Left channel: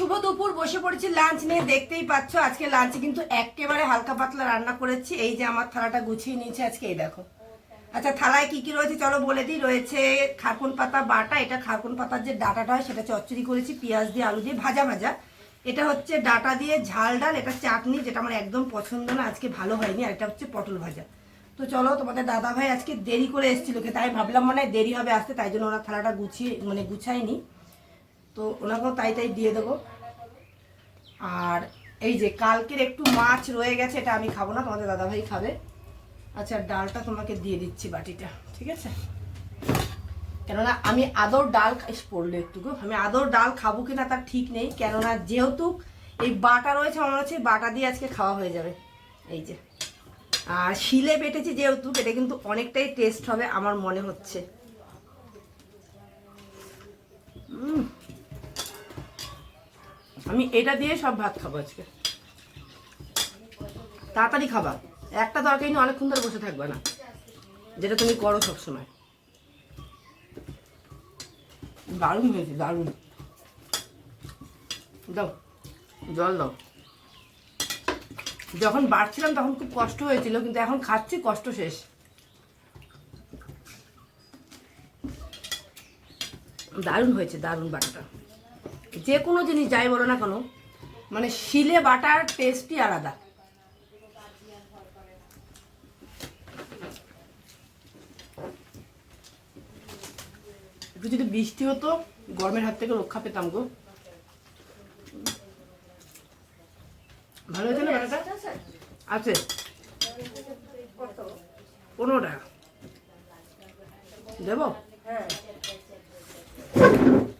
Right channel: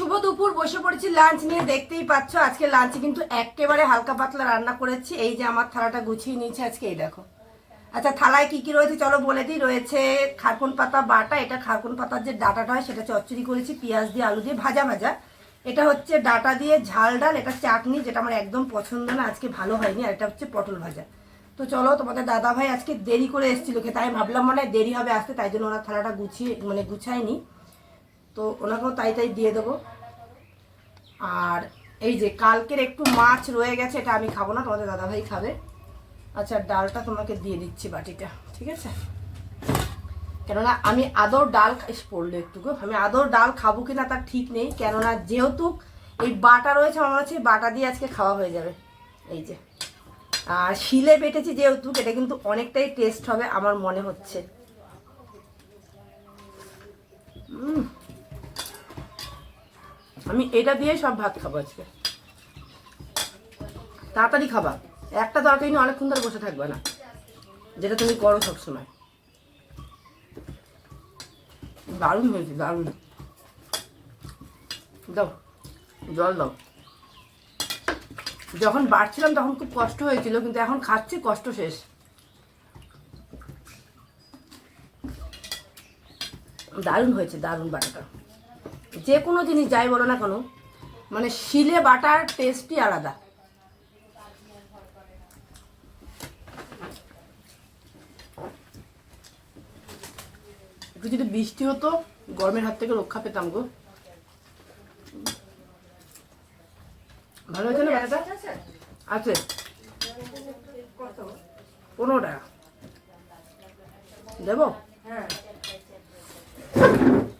শুভ দুপুর, বসে পড়েছি লাঞ্চ নিয়ে, দেখতেই পাচ্ছ আজকে লাঞ্চে কিন্তু একেবারে হালকা পাতলা রান্না করেছি। এই যে আমার থালাটা গুছিয়ে নিয়েছে আজকে, এই দেখো। আচ্ছা থালায় কি কি রয়েছে চলো বলে দিই। রয়েছে খারকুন পাতা বাটা, এটা খারকুন পাতার যে ডাটাটা হয় সেটা চচ্চড়ি করেছি, পেঁয়াজ দিয়ে আলু দিয়ে ভাজা ভাজা। এটা হচ্ছে ডাটা দিয়ে ঝাল ডাল, এটা চাটনি, যেটা আমার একদম পছন্দ না, আজকে ভালো হয়নি, আর এটা হচ্ছে পটল ভাজা। তো চলো, তোমাদের দাদা ভাই আজকে দেরি করে এসেছিল খেতে, আমি ভাবলাম মনে হয় দেরি হবে আসতে, তাই জন্য ওনার থালাটা গুছিয়ে মানে গুছায়নি। তো ওনাকেও তাই তাই দিয়ে দেবো। আর এই যে কালকের একটু মাছ রয়ে গেছে, এটা আমি খাব না, তোমাদের দাদাভাই খাবে। আচ্ছা ডালটা তোমাকে দিয়ে দিচ্ছি বাটিটা, ঠিক আছে? কেননা আমি আদর ডাল পড়ল একটু আমি আদর ডাল খাব কিনা তার ঠিক নেই, কেননা যেহেতু এই বাটা রয়েছে, আমার হচ্ছে বাটা দিয়ে আজকে খাওয়া হয়ে যাবে। এই যে। আর শিলে বেটেছি যেহেতু, এটা কিন্তু অনেকটাই টেস্ট হবে, আমার মনে হচ্ছে। উম। আমি এটা দিয়ে সব ভাত খাব আজকে। তাড়াতাড়ি খাবা। একটা তরকারি নিয়ে অনেকক্ষণ ধরে বসে থাকবে না। যেটা তুমি করো সবসময়। দারুণ হয়েছে, দারুণ। দাও, জল দাও। যখন বাড়ছিলাম তখন খুব কষ্ট হয়েছিল, কিন্তু এখন খাচ্ছি, কষ্ট শেষ। দারুণ হয়েছে, দারুণ বাটাটা। যে কোনো জিনিস যাই বলো না কেন মানে শিলে বাটার টেস্টই আলাদা। একটু যদি বৃষ্টি হতো, গরমের হাত থেকে রক্ষা পেতাম গো। ভালো হয়েছে না আছে। পনেরো টাকা। দেবো? হাতে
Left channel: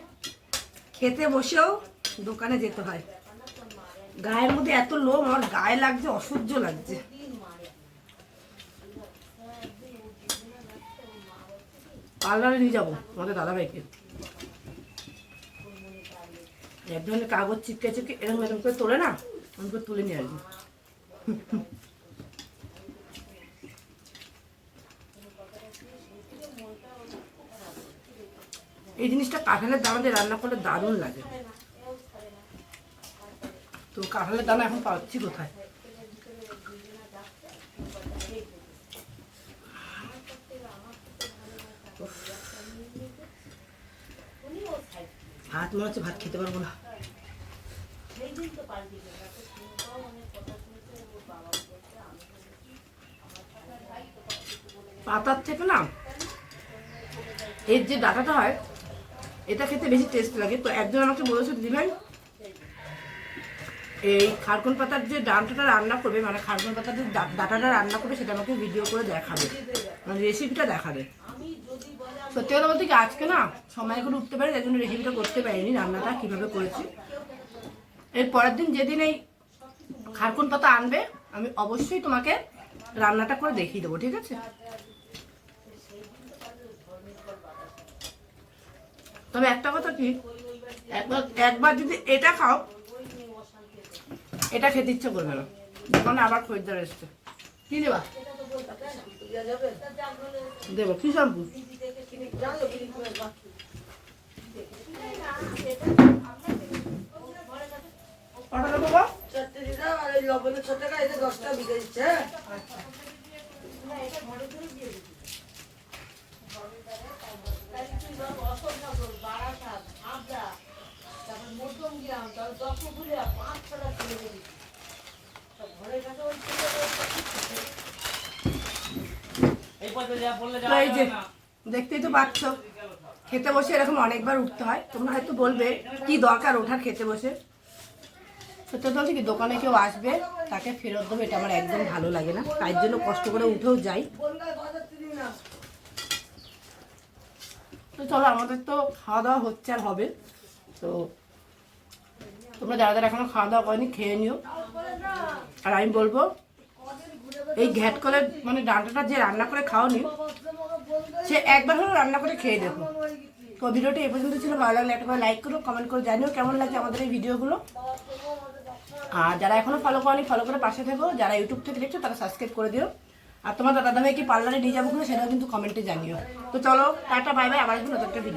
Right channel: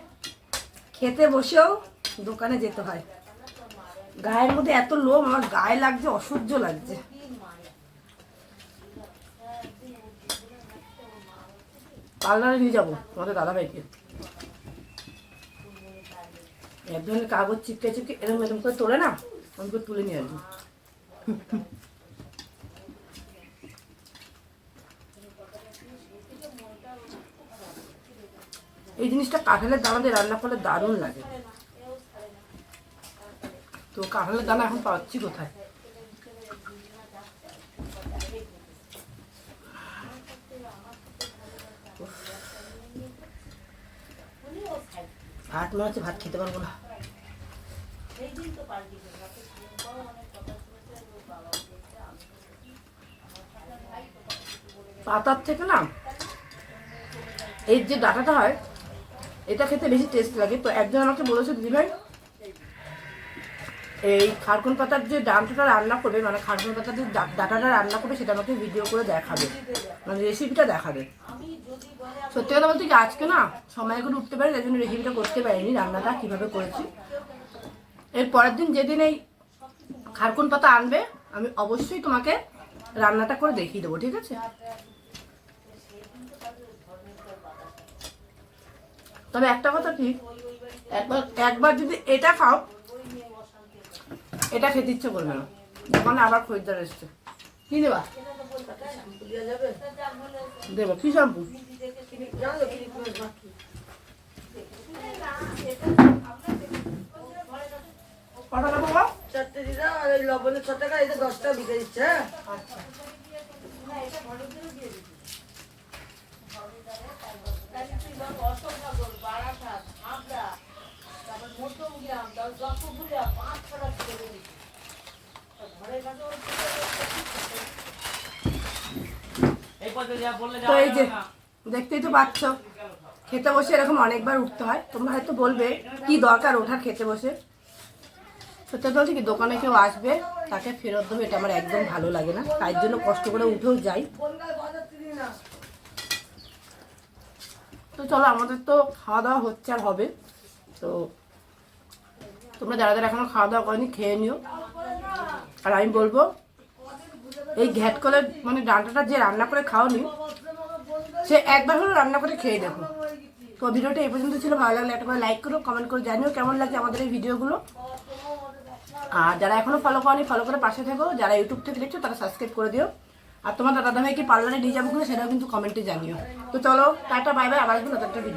খেতে বসেও দোকানে যেতে হয়। গায়ের মধ্যে এত লোম, আমার গায়ে লাগছে, অসহ্য লাগছে। পার্লারে নিয়ে যাব, আমাদের দাদা ভাইকে। এক ধরনের কাগজ চিপকে চিপকে এরকম এরকম করে তোলে না, আমি করে তুলে নিয়ে আসব। এই জিনিসটা কাঁঠালের দানা দিয়ে রান্না করলে দারুণ লাগে। তো কাঁঠালের দানা এখন পাচ্ছি কোথায়? ভাত, মনে হচ্ছে ভাত খেতে পারব না। পাতার থেকে না, এর যে ডাটাটা হয় এটা খেতে বেশি টেস্ট লাগে। তো একজন আমাকে বলেছে, দিদি ভাই, এই খারকুন পাতার যে ডাঁটাটা রান্না করবে মানে খারকুন পাতার যে ডাঁটাটা রান্না করবে, সেটা আমাকে ভিডিও করে দেখাবে। মানে রেসিপিটা দেখাবে। সত্যি কথা বলতে কি, আজকে না সময় করে উঠতে পারি তাই জন্য রেসিপিটা করতে পারিনি, রান্নাটা কীভাবে করেছি। এর পরের দিন যেদিন এই খারকুন পাতা আনবে, আমি অবশ্যই তোমাকে রান্নাটা করে দেখিয়ে দেবো, ঠিক আছে? তবে একটা কথা কি? একবার একবার যদি এটা খাও এটা খেতে ইচ্ছে করবে না। তখন আবার খরিদ্দার এসছে। কি দেবা? দেবো কি শ্যাম্পু? কটা দেবো লবণের ছ টাকা এটা দশ টাকা বিকে দিচ্ছে যে, দেখতেই তো পাচ্ছ। খেতে বসে এরকম অনেকবার উঠতে হয়। তোমরা হয়তো বলবে, কি দরকার ওঠার খেতে বসে? সত্যি বলছি কি, দোকানে কেউ আসবে, তাকে ফেরত দেবে, এটা আমার একদম ভালো লাগে না। তাই জন্য কষ্ট করে উঠেও যাই। না চলো, আমাদের তো খাওয়া দাওয়া হচ্ছে আর হবে। তো তোমরা যারা যারা এখনও খাওয়া দাওয়া করেনি, খেয়ে নিও। আর আমি বলব, এই ঘ্যাট কলের মানে ডাঁটাটা যে রান্না করে খাওনি, সে একবার হলেও রান্না করে খেয়ে দেখো। তো ভিডিওটা এই পর্যন্ত ছিল, ভালো লাগলে একটা লাইক করো কমেন্ট করে জানিও কেমন লাগছে আমাদের এই ভিডিওগুলো। আর যারা এখনও ফলো করনি ফলো করে পাশে থেকো। যারা ইউটিউব থেকে দেখছ, তারা সাবস্ক্রাইব করে দিও। আর তোমার দাদা ভাইকে পার্লারে নিয়ে যাব কিনা সেটাও কিন্তু কমেন্টে জানিও। তো চলো, টাটা বাই বাই আবার নতুন একটা ভিডিও